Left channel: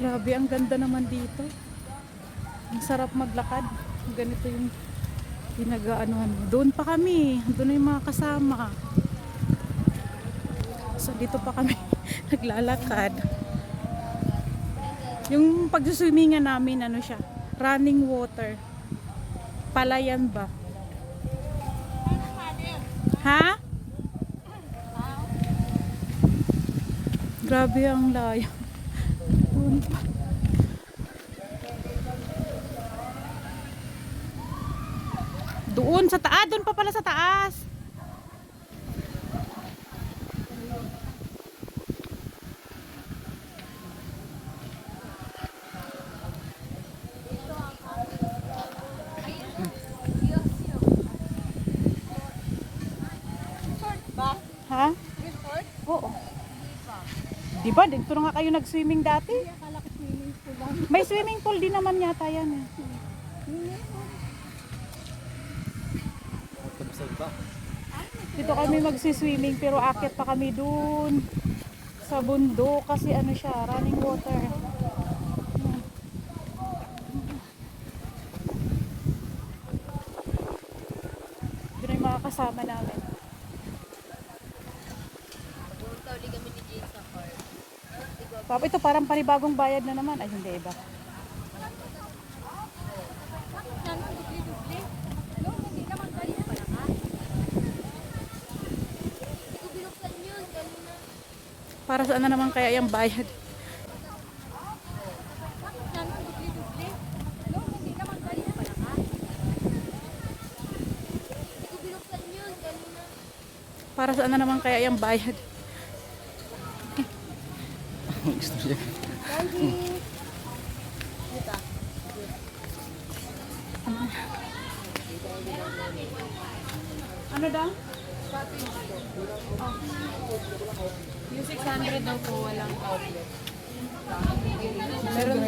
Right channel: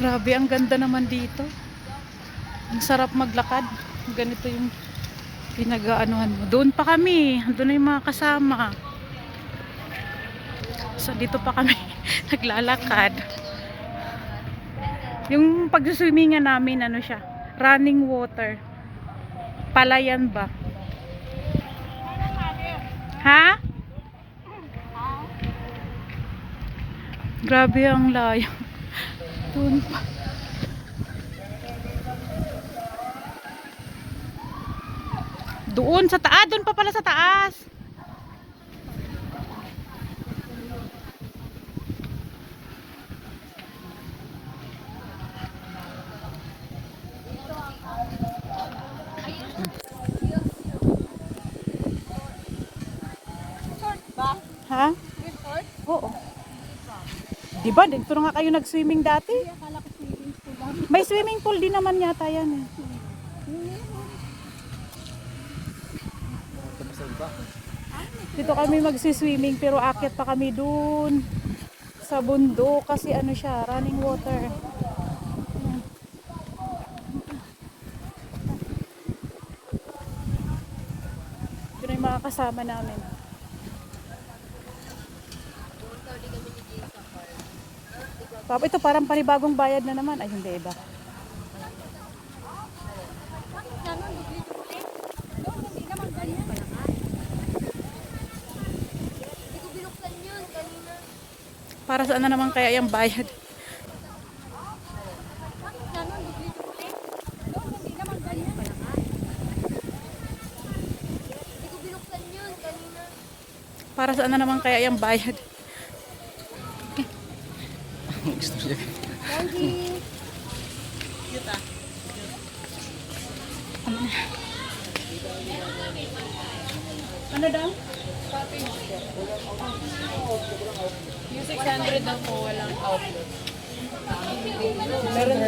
Grabe, ang ganda naman dito. Ang sarap maglakad. Ganito yung pinag-aanuhan mo. Doon pa kami. Doon na yung mga kasama. So, dito pa kami naglalakad. Yung pag-swimingan namin, ano siya? Running water. Palayan ba? Ha? Grabe ang layo. Doon pa. Doon sa taas. Doon pa pala sa taas. Ha? Oo. Diba? Dito na nga kayo nag-swimming dati? May swimming pool din naman yata yan eh. Dito kami magsi-swimming pero akit pa kami dun sa bundok kasi ano siya, running water. Doon yung mga kasama namin. Tapos ito parang panibagong bayad na naman. Ay hindi, iba. Para saan na naman kaya yung bayad? Para saan na naman kaya yung bayad? Ano daw? Yung 600 daw po, walang outlet. Meron.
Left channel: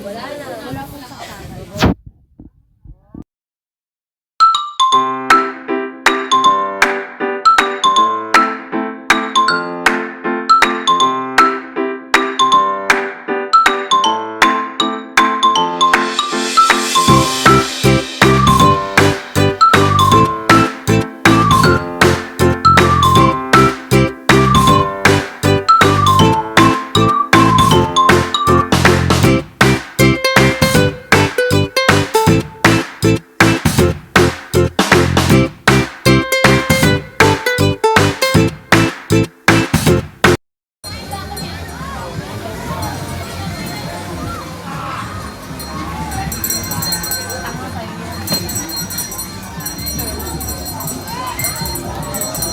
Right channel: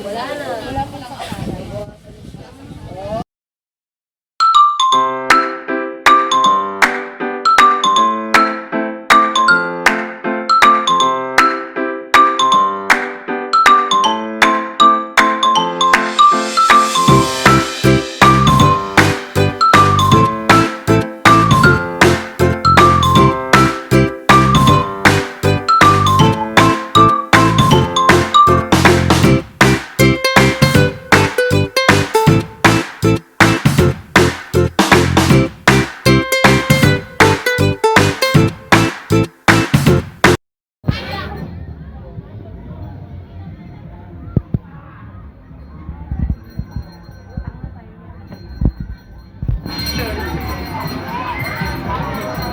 Wala po sa kamay.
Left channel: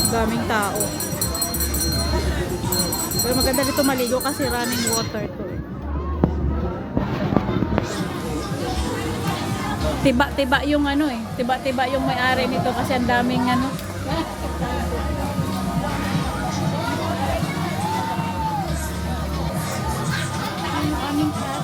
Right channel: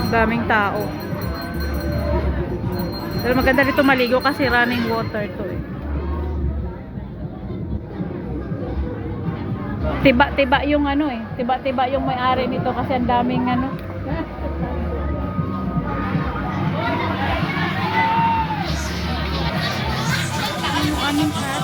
Daming tao. Pero maganda dito maligo kasi running water to eh. Tiba-tiba yung ano eh. Tiba-tiba yung may-ari nito kasi ang daming ano. Yung aming cat.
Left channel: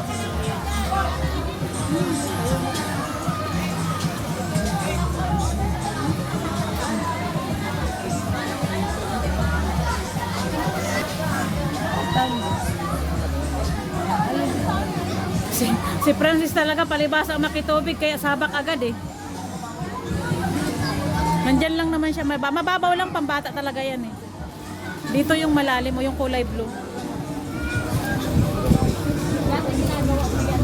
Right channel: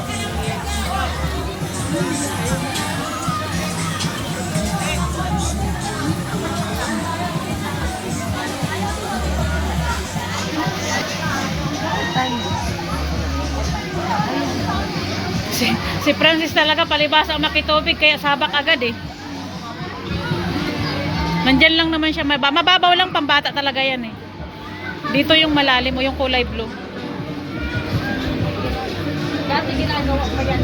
Si Francis talaga palibasa ang makitubig kaya sabak agad eh. Nandyan lang naman siya, mababaw lang, pambata talaga yan eh. Dito yung malalim o yung kulay blue. Dati ginagawa ko yan.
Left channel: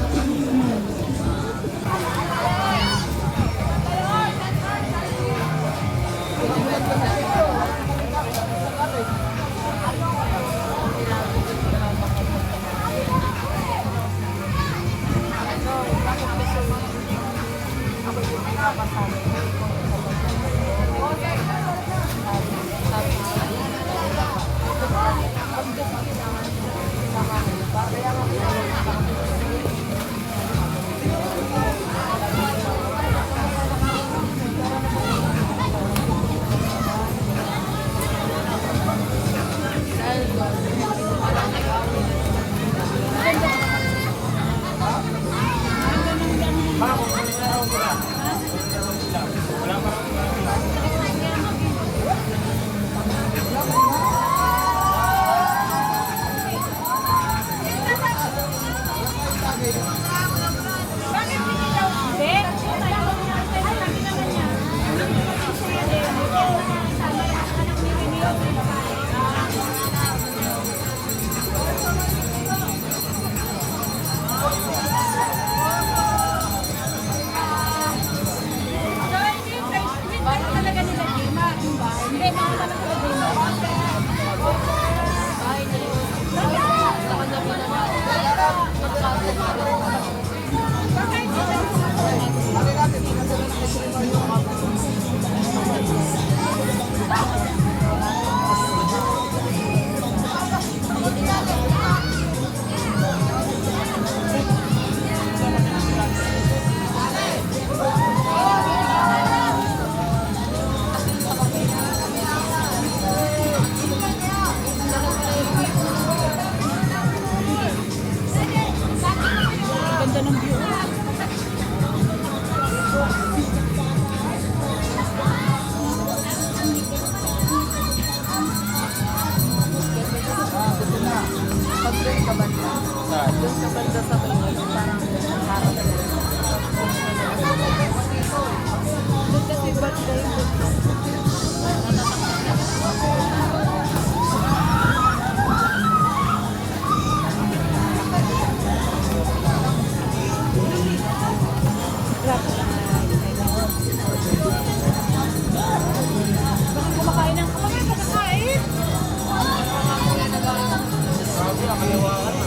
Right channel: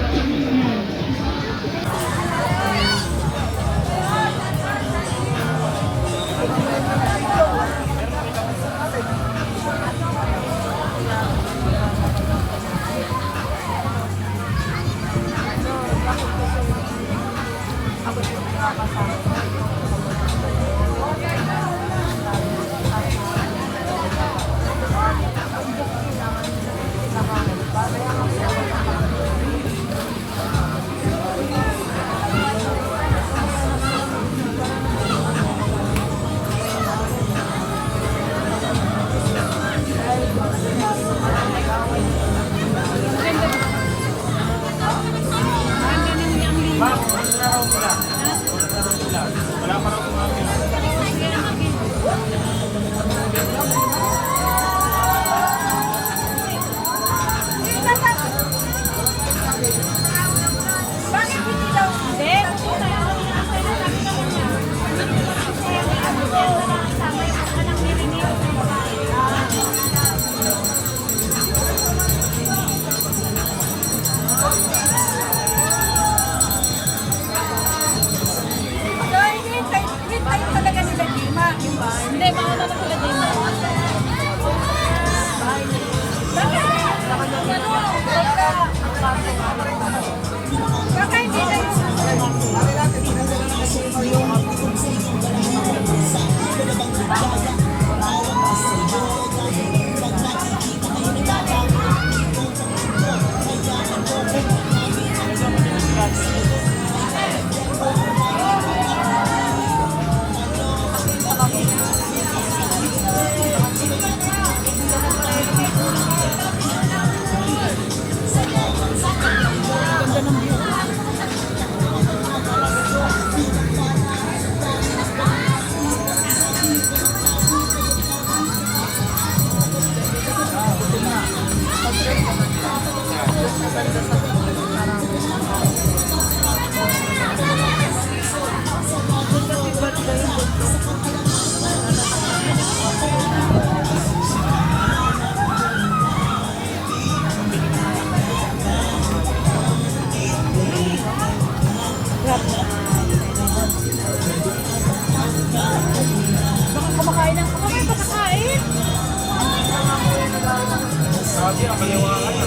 Grabe, akaliwa ka na.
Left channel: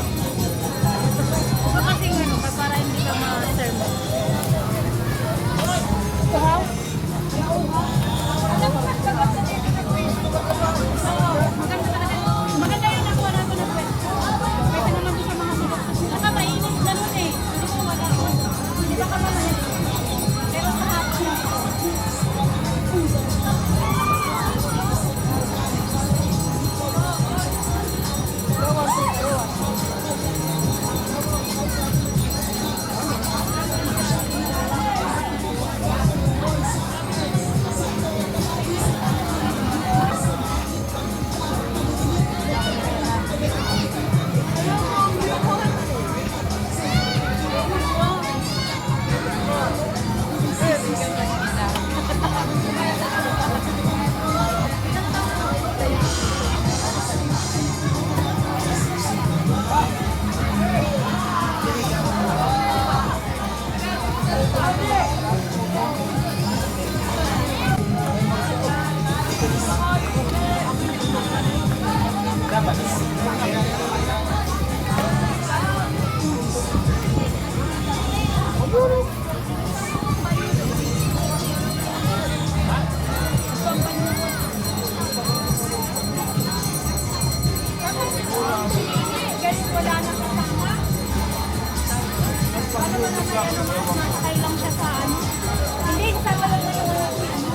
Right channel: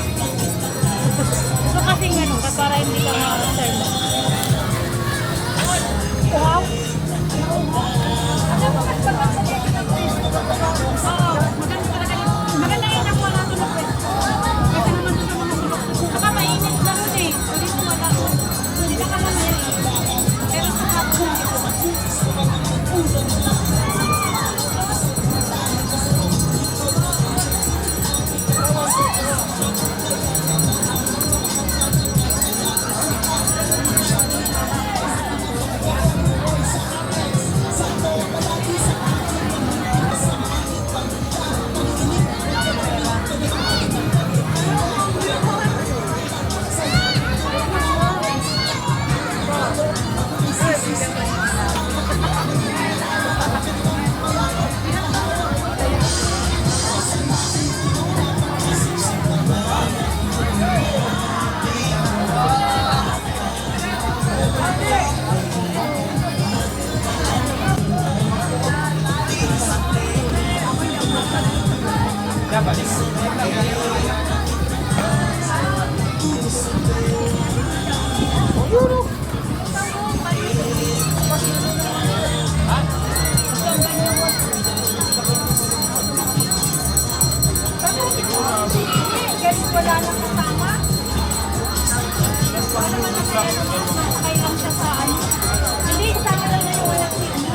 Ito kasi ano, para hindi ka ma-serve. Uhaw? Alam mo, mas maganda dito na pwesto. Oo, maganda talaga yun. Maganda yung nakuha natin na pwesto. Kasi naman doon sa mga sulok. Saka mainit na nun eh. So dito wala. Hindi baka mamaya eh. Pero sa hapon na dito. Dapat. Kasi wala na kasama. Paano man naman ano, nakakay lang siya sa ano. Hindi, kasama lang na yung wala ko ano.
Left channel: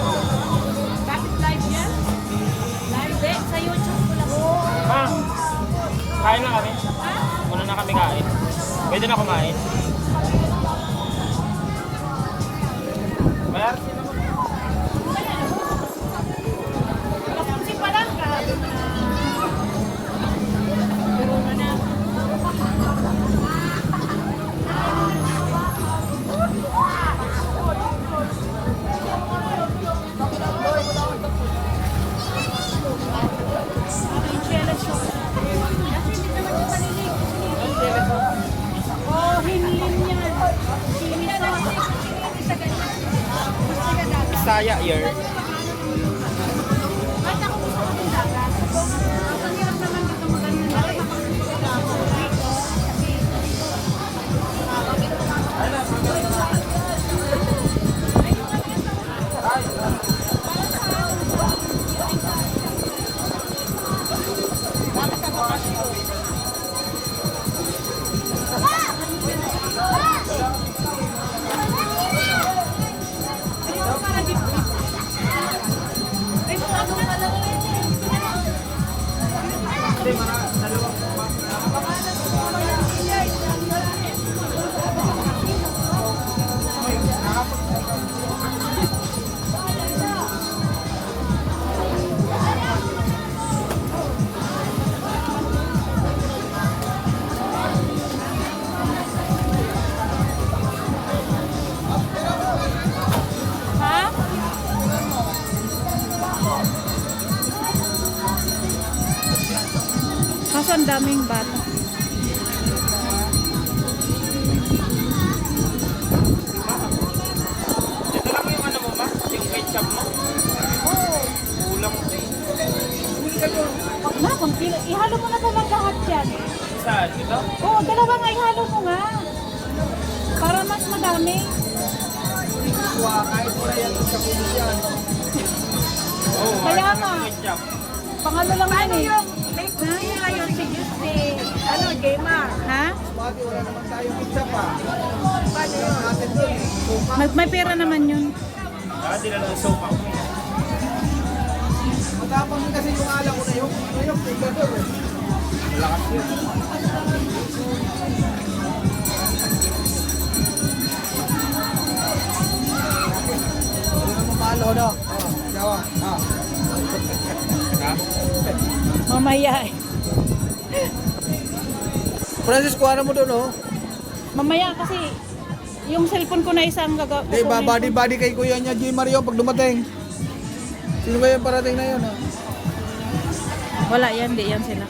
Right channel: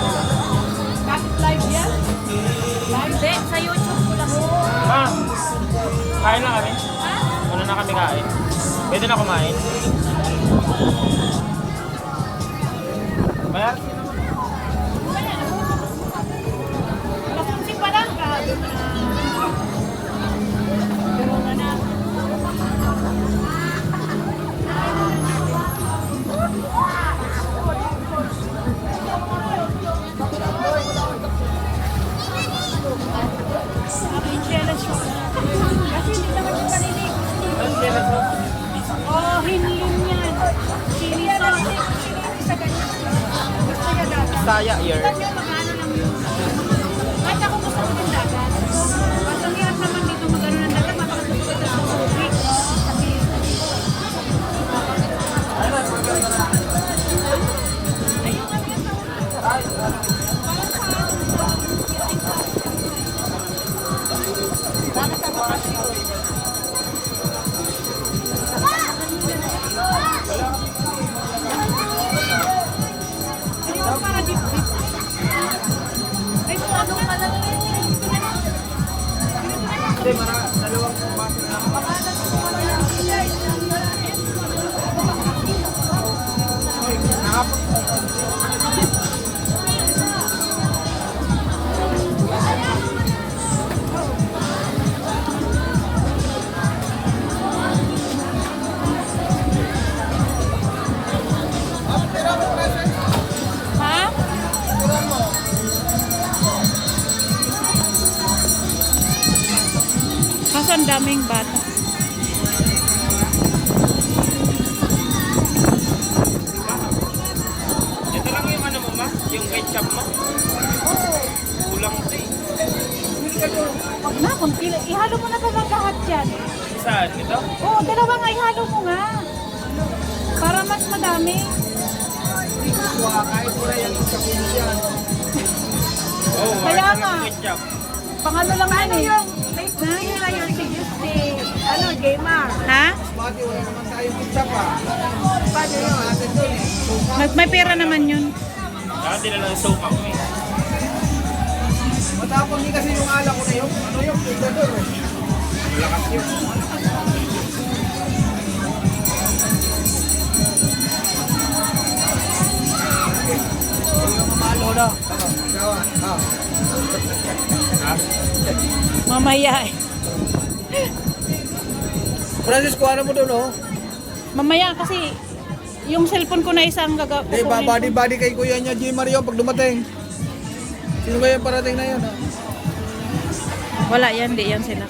Bakit live yan? Live din, sa YouTube ko lang. Ma'am, kain na kami. Ha? Muna na kami kain. Pwede na kumain. Bayar? Kasi parang ka. Pero na na. Kasi hindi naman yung paninig. Oh, hinlin yan. Siniso. Gusto niya dagat. Saya, yer. Ba't yung magano lang yung kahit ako gusto ko ng dagat. Ang hirap naman dito magano ng dagat. Mapakasipag na ako. Kasi ayun para dip-dip. Ay, buwag na. Hindi, dalawang baso na lang. Ha? Kaso ang daming bata. Ito lang yung ano mo, ma'am? Yung ketchup mo? Oo. Kulang ko eh. Na, kung ihalo mo na ba lang lahat yan? Saan? Ito? Oo, dalawa nga ihalo mo nga. Para mas madami. Kahit mo na yan sa pilihan. Oo, Kaya marami nga. yung ketchup. Pangano lang yan eh. Ano si Justy? Ano, gamer? Ha? Mga ate, wala naman tayong ketchup pa. Sabi yung ate doon eh. Suka. May pera naman yun. Saka din na lang yung sopa ko eh. Matapang din kasi yung ala ko na yung, ano yung pundador eh. Malakas yun. Mamalo daw. Gawang. Mamaya eh. Francisco, ano mo doon oh? Mamaya kasi yung cellphone ko na isang Eh, body kay kuya niya, G. Mario, pag dumating. Sino kaya yung parating na yun, ha? Wala yan, di yan sila.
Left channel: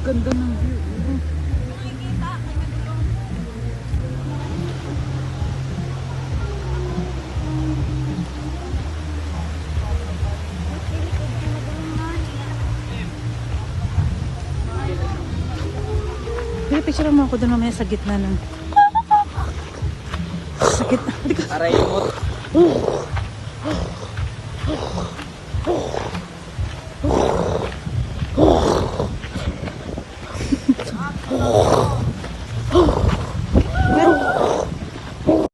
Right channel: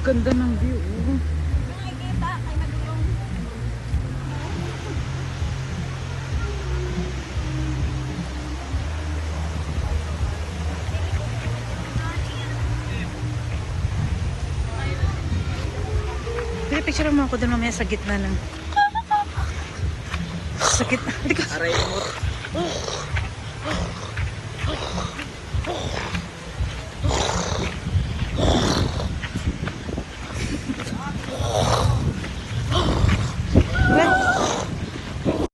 Ganda ng view. Nakikita, kay nagulong. Pero picture mo ako doon mamaya sa gitna ng... Sa gitna. Aray mo.